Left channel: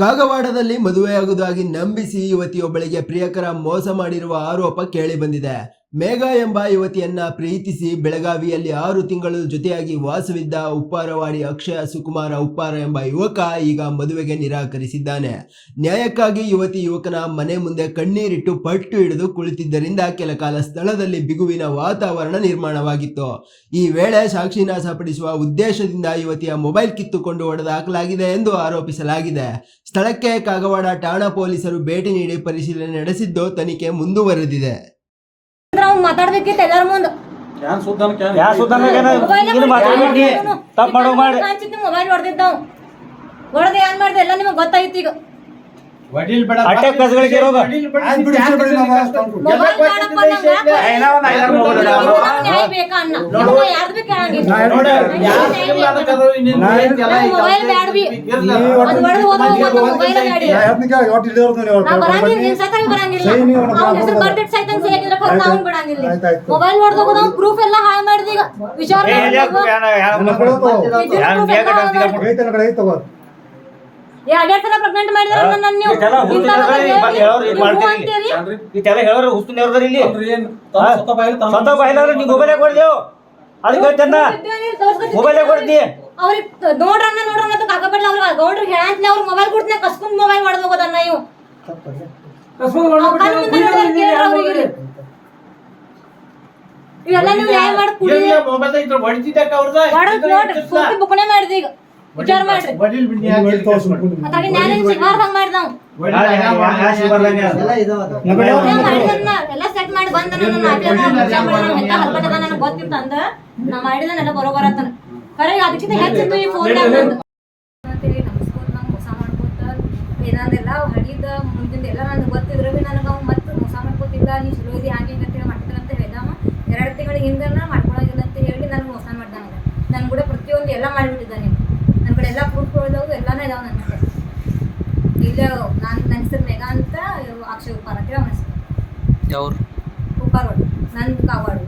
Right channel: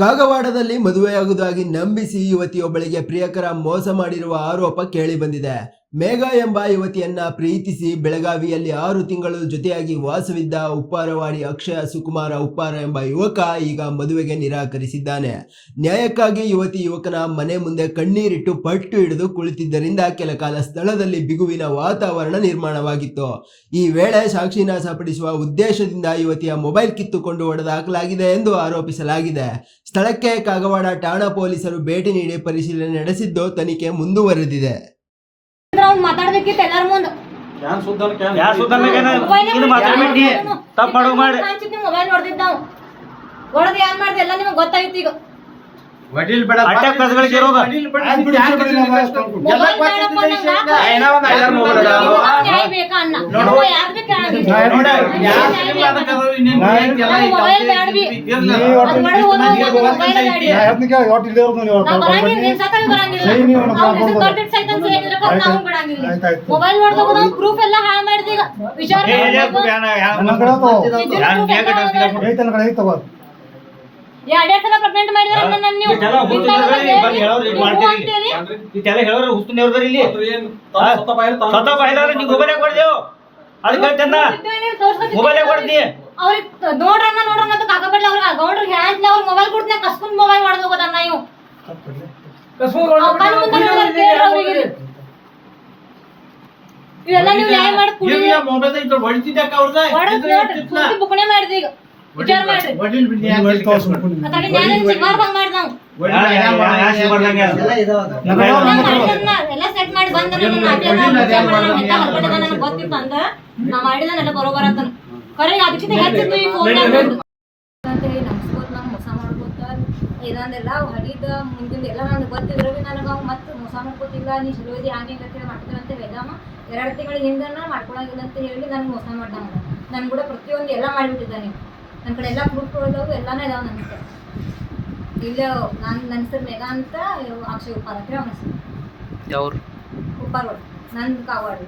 ಕಾಗವಾಡದಲ್ಲಿ ಮದುವೆಯಾಗುವುದಾಗಿ ನಂಬಿಸಿ ಯುವತಿಯೊಬ್ಬಳಿಗೆ ಪ್ರಿಯಕರ ಮೋಸ ಮಾಡಿರುವ ಆರೋಪ ಕೇಳಿಬಂದಿದೆ. ಮೇಘ ಎಂಬ ಯುವತಿಯನ್ನ ಪ್ರೀತಿಸಿ ಬೆಳಗಾವಿಯಲ್ಲಿ 6 ತಿಂಗಳು ಜೊತೆಯಾಗಿ ವಾಸವಿದ್ದ ಉಪ್ಪಾರವಾಡಿ ಅಕ್ಷಯ ಸುಕುಮಾರ ಉಪ್ಪಾರ ಎಂಬ ಯುವಕ ಈಗ ಮದುವೆಗೆ ನಿರಾಕರಿಸಿದ್ದಾನೆ. ನ್ಯಾಯಕ್ಕಾಗಿ ಯುವಕನ ಮನೆ ಮುಂದೆ ಕಣ್ಣೀರಿಟ್ಟು ಪಟ್ಟು ಹಿಡಿದು ಕುಳಿತಿದ್ದರಿಂದ ಕೆಲ ಕಾಲ ಸ್ಥಳದಲ್ಲಿ ಬಿಗುವಿನ ವಾತಾವರಣ ನಿರ್ಮಾಣವಾಗಿತ್ತು. ಈ ವೇಳೆ ಸಾಕ್ಷಿ ನಾಶಪಡಿಸುವ ಉದ್ದೇಶದಿಂದ ಯುವತಿಯ ಮೊಬೈಲ್ ಕಿತ್ತುಕೊಂಡು ಹೊಡೆದಾಕಲಾಗಿದೆ ಎಂದು ಆರೋಪಿಸಲಾಗಿದೆ. ಸ್ಥಳಕ್ಕೆ ಕಾಗವಾಡ ಠಾಣಾ ಪೊಲೀಸರು ಭೇಟಿ ನೀಡಿ ಪರಿಶೀಲನೆ ನಡೆಸಿದ್ದು ತನಿಖೆ ಮುಂದುವರೆದಿದೆ. ಮಾತಾಡ್ಬೇಕಿತ್ತು ಎಲ್ಲರ ಮುಂದೆ ಮೊಬೈಲ್ ಹೊಡೆದಿದ್ದಾವ್ ಹೊಡೆದು ಏನ್ ಮಾಡ್ದೆ ಎಲ್ಲ ನಿಮಗೆ ಗೊತ್ತಾಯ್ತು. ಈಗ ನ್ಯಾಯ ಬೇಕಾ ಅಣ್ಣ ಯಾರ್ದು ಬೇಕು ಮೊಬೈಲ್ ಬ್ಯಾಡ್ವಿ ಮೊಬೈಲ್ ಬ್ಯಾಡಿ ಮೊಬೈಲ್ ನೋಡ್ದಾಗ ಪ್ರೂಫ್ ಎಲ್ಲ ಹಾಳು ಮಾಡಿದ. ಈಗ ವಿಚಾರ ಎರಡೆರಡು ಸಲ ಪ್ರೆಗ್ನೆಂಟ್ ಮಾಡಿದಾರೆ ನನ್ನ ನೀವು ಅವ್ರಿಗೆ ನೋಡ್ರಣ್ಣ ಅಂತ ಕಾಗಬಡ್ಲ ಅವ್ರಿಗೆ ಗೌಡ್ರಿಗೆ ಹೇಳಂತ ಅವ್ರ ಮೊಬೈಲ್ ಕೊಡ್ತೀನಿ ಕಸ್ಕೊಂಡ್ ಮೊಬೈಲ್ ಮಾಡ್ದು ಹೋಗೋದನ್ನ ಇವು ಇವೆಲ್ಲ ನೀವು ನ್ಯಾಯ ಮಾಡಿ ಕುಡಿ ಬುಕ್ಣೆ ಮಾಡಿದ. ಈಗ ವಿಚಾರ ಮಾಡ್ರಿ ಎಲ್ಲ ಸೆಟ್ ಮಾಡಿ ಬಂದ ನನಗೆ ಗೊತ್ತಿತ್ತು ಅಂದ ನಾ ಮಾಡಿದನೆಲ್ಲ ಬರೋಬರ ಅಂತಾನ ಖರೆ ಅದಕ್ಕಿಂತ ಹೆಚ್ಚಿತ್ತು ಈ ಫೋನ್ ಅಂತೇಳಿ ನಮ್ಸ್ಕೋತ ನಂಗೆ ಮೋಸ ಮಾಡ್ಕೋತ ಏನಂದೆಲ್ಲ ಹಡಿದ ಮುಂದಿನ ಎಲ್ಲ ನನಗೆ ಗೊತ್ತಿದ್ರು ಭೀ ನನಗೆ ಅವ್ ಮತ್ತೆ ಮೋಸ ಮಾಡ್ಕೋತಿಲ್ಲ ನೀ ಚಲೋ ಇದೆ ಹಾಗೆ ಅಂತೇಳಿ ಮಾಡ್ತಿಲ್ಲ ಅಂತ ಹೇಳಿದವ 2 ತಿಂಗಳ ಹಿಂದನ ಮಾಡ್ಕೊಳಗಿಲ್ಲ ಅಂತ ಹೇಳಿ ನನಗೆ ಮೋಸ ಮಾಡ್ದಂಗ ನನ್ ಕೂಡ ಪ್ರತಿಯೊಂದು ಎಲ್ಲ ಮಾಡಿಬಿಟ್ಟಿದ್ದಾನೆ. ನನ್ನ ಕಡೆ ಎಲ್ಲ ಪ್ರೂಫ್ ಇದಾವೆ ಎಲ್ಲಾನೇ ಇದಾವೆ ನನ್ನ ಕಡೆ. ಇಲ್ಲ ನನ್ನ ಹೆಸರು ಮೇಘ ಅಂತ ಅಕ್ಷಯ್ ಉಪ್ಪಾರ ಅಂತ ಅವನ ಹೆಸರು ಉಪ್ಪಾರವಾಡಿ ನಂದು ಕಾಗವಾಡ.